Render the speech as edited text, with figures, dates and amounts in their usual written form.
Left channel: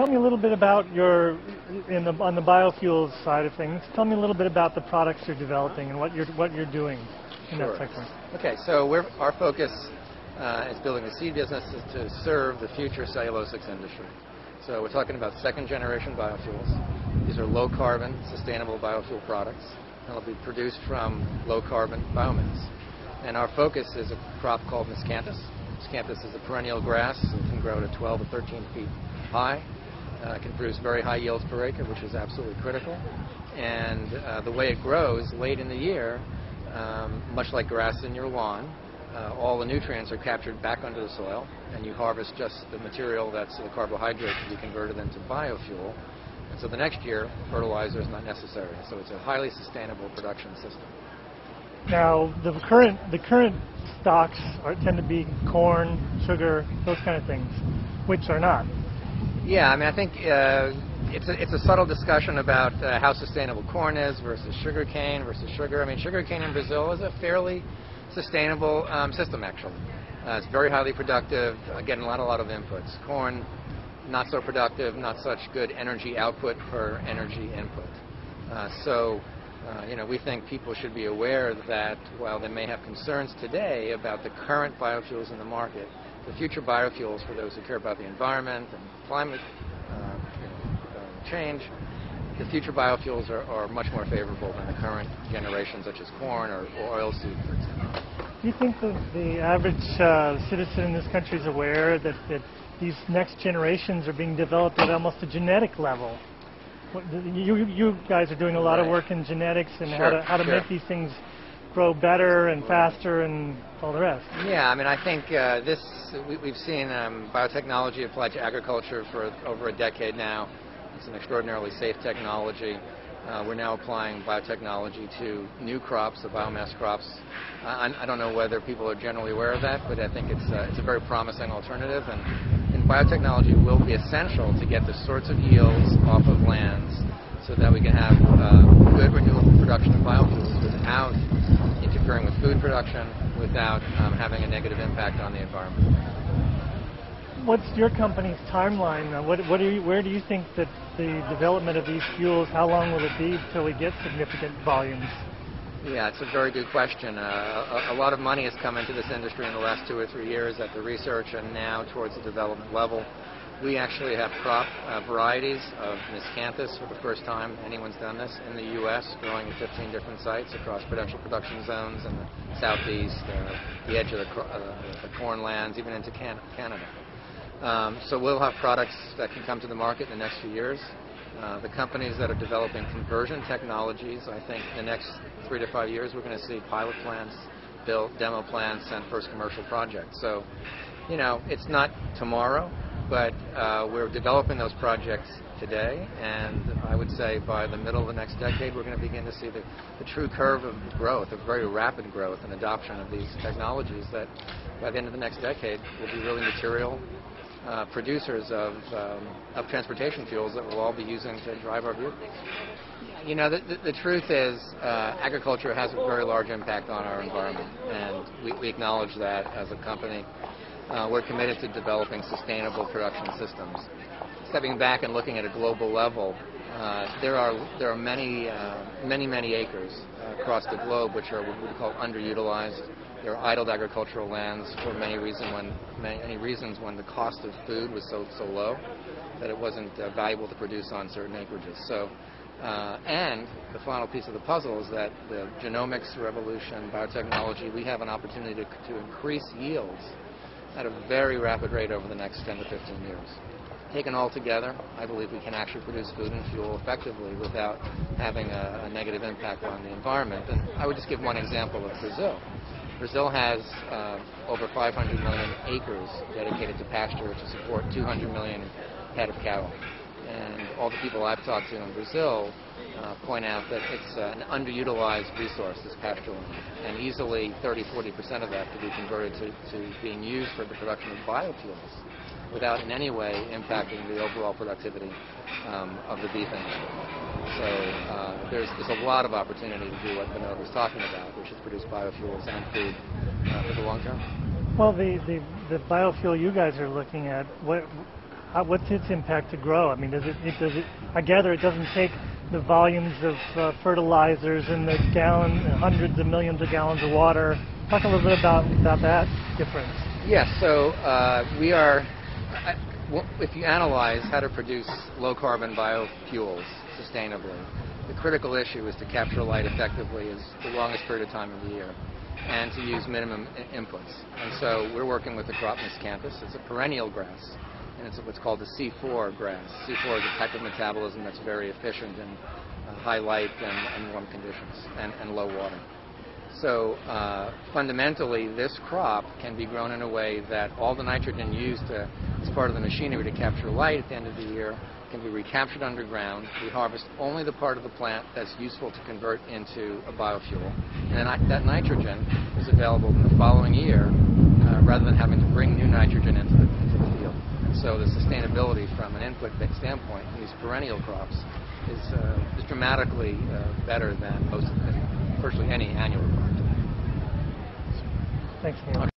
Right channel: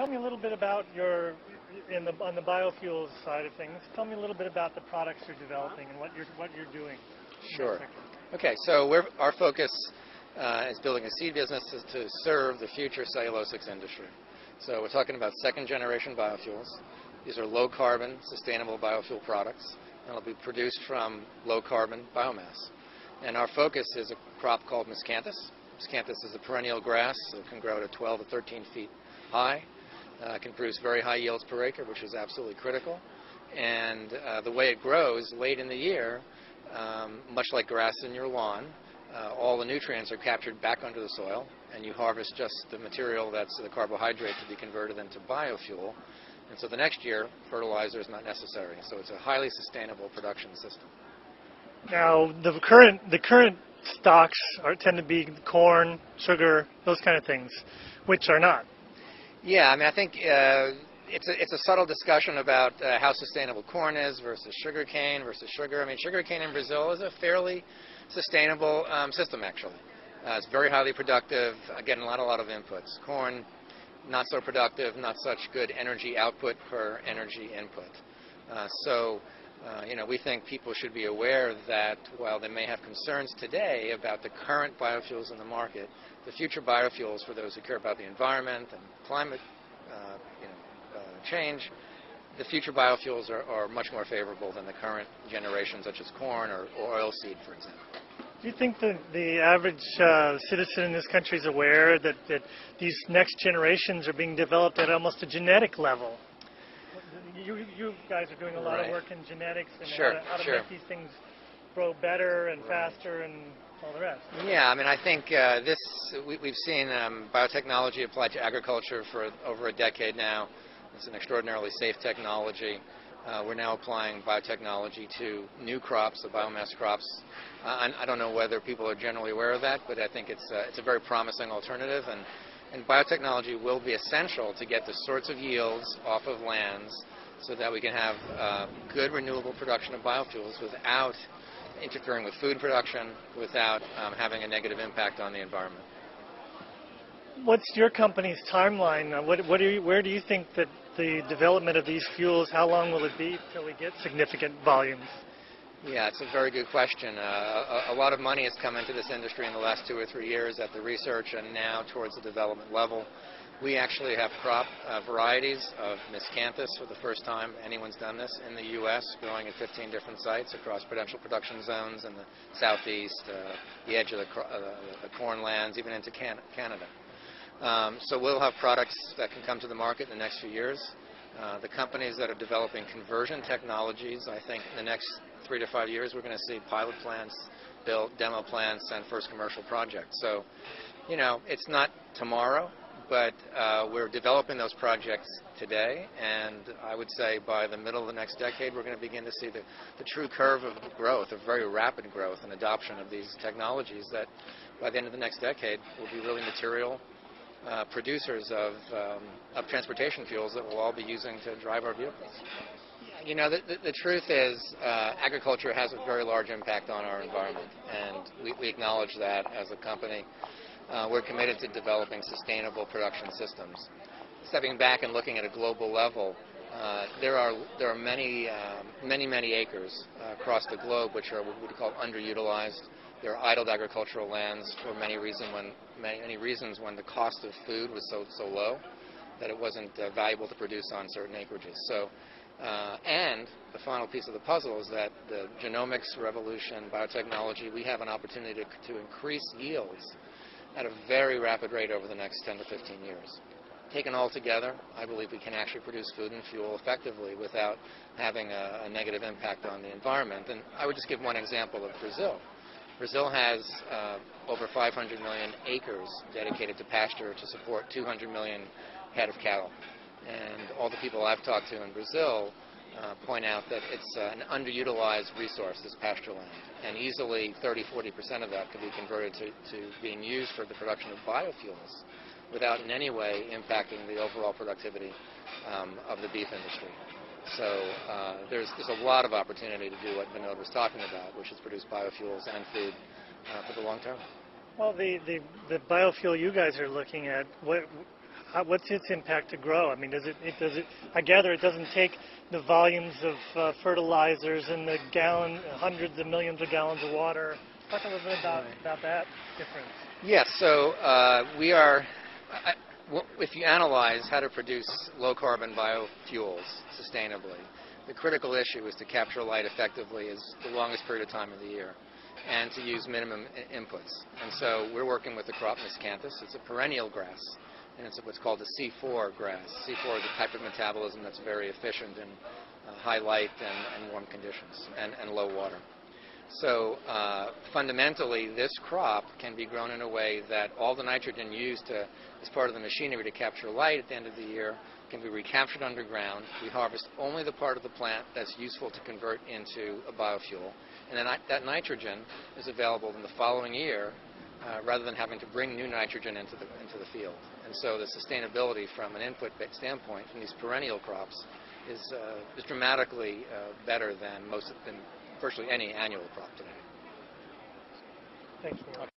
tell me a little bit about on the biofuels side of things. Tell me a little bit about the products you're developing and what you're doing in that sector. Okay, so our focus is building a seed business to serve the future cellulosics industry. So we're talking about second-generation biofuels. These are low-carbon, sustainable biofuel products. They'll be produced from low-carbon biomass. And our focus is a crop called miscanthus. Miscanthus is a perennial grass, so it can grow to 12 to 13 feet high. It can produce very high yields per acre, which is absolutely critical. And the way it grows late in the year, much like grass in your lawn, all the nutrients are captured back under the soil, and you harvest just the material that's the carbohydrate to be converted into biofuel. And so the next year, fertilizer is not necessary. So it's a highly sustainable production system. Now, the current stocks tend to be corn, sugar, those kind of things, which are not. Yeah, I mean, I think it's a subtle discussion about how sustainable corn is versus sugarcane versus sugar. I mean, sugarcane in Brazil is a fairly sustainable system, actually. It's very highly productive, getting a lot of inputs. Corn, not so productive, not such good energy output per energy input. We think people should be aware that while they may have concerns today about the current biofuels in the market, the future biofuels, for those who care about the environment and climate change, the future biofuels are much more favorable than the current generations, such as corn or oilseed, for example. Do you think that the average citizen in this country is aware that these next generations are being developed at almost a genetic level? You guys are doing a lot of work in genetics and how to make these things grow better and faster and all the rest. Yeah, I mean, I think we've seen biotechnology applied to agriculture for over a decade now. It's an extraordinarily safe technology. We're now applying biotechnology to new crops, the biomass crops. I don't know whether people are generally aware of that, but I think it's a very promising alternative. And biotechnology will be essential to get the sorts of yields off of lands so that we can have good renewable production of biofuels without interfering with food production, without having a negative impact on the environment. What's your company's timeline? Where do you think that the development of these fuels, how long will it be till we get significant volumes? Yeah, it's a very good question. A lot of money has come into this industry in the last 2 or 3 years at the research and now towards the development level. We actually have crop varieties of miscanthus for the first time. Anyone's done this in the U.S., growing at 15 different sites across potential production zones in the southeast, the edge of the corn lands, even into Canada. So we'll have products that can come to the market in the next few years. The companies that are developing conversion technologies, I think in the next 3 to 5 years, we're going to see pilot plants built, demo plants, and first commercial projects. So, it's not tomorrow, but we're developing those projects today, and I would say by the middle of the next decade, we're going to begin to see the true curve of growth, of very rapid growth and adoption of these technologies that by the end of the next decade will be really material producers of transportation fuels that we'll all be using to drive our vehicles. The truth is agriculture has a very large impact on our environment, and we acknowledge that as a company. We're committed to developing sustainable production systems. Stepping back and looking at a global level, there are many acres across the globe which are what we call underutilized. There are idled agricultural lands for many reasons when the cost of food was so low that it wasn't valuable to produce on certain acreages. So, and the final piece of the puzzle is that the genomics revolution, biotechnology, we have an opportunity to increase yields at a very rapid rate over the next 10 to 15 years. Taken all together, I believe we can actually produce food and fuel effectively without having a negative impact on the environment. And I would just give one example of Brazil. Brazil has over 500 million acres dedicated to pasture to support 200 million head of cattle. And all the people I've talked to in Brazil point out that it's an underutilized resource, this pasture land, and easily 30-40% of that could be converted to being used for the production of biofuels without in any way impacting the overall productivity of the beef industry. So there's a lot of opportunity to do what Vinod was talking about, which is produce biofuels and food for the long term. Well, the biofuel you guys are looking at, what's its impact to grow? I mean, does it? I gather it doesn't take the volumes of fertilizers and the hundreds of millions of gallons of water. Talk a little bit about that difference. Yes. So we are. If you analyze how to produce low-carbon biofuels sustainably, the critical issue is to capture light effectively as the longest period of time of the year, and to use minimum inputs. And so we're working with the crop miscanthus. It's a perennial grass, and it's what's called a C4 grass. C4 is a type of metabolism that's very efficient in high light and warm conditions and low water. So fundamentally, this crop can be grown in a way that all the nitrogen used as part of the machinery to capture light at the end of the year can be recaptured underground. We harvest only the part of the plant that's useful to convert into a biofuel. And then that nitrogen is available in the following year rather than having to bring new nitrogen into the field. And so the sustainability from an input standpoint in these perennial crops is dramatically better than virtually any annual crop today. Thanks for that.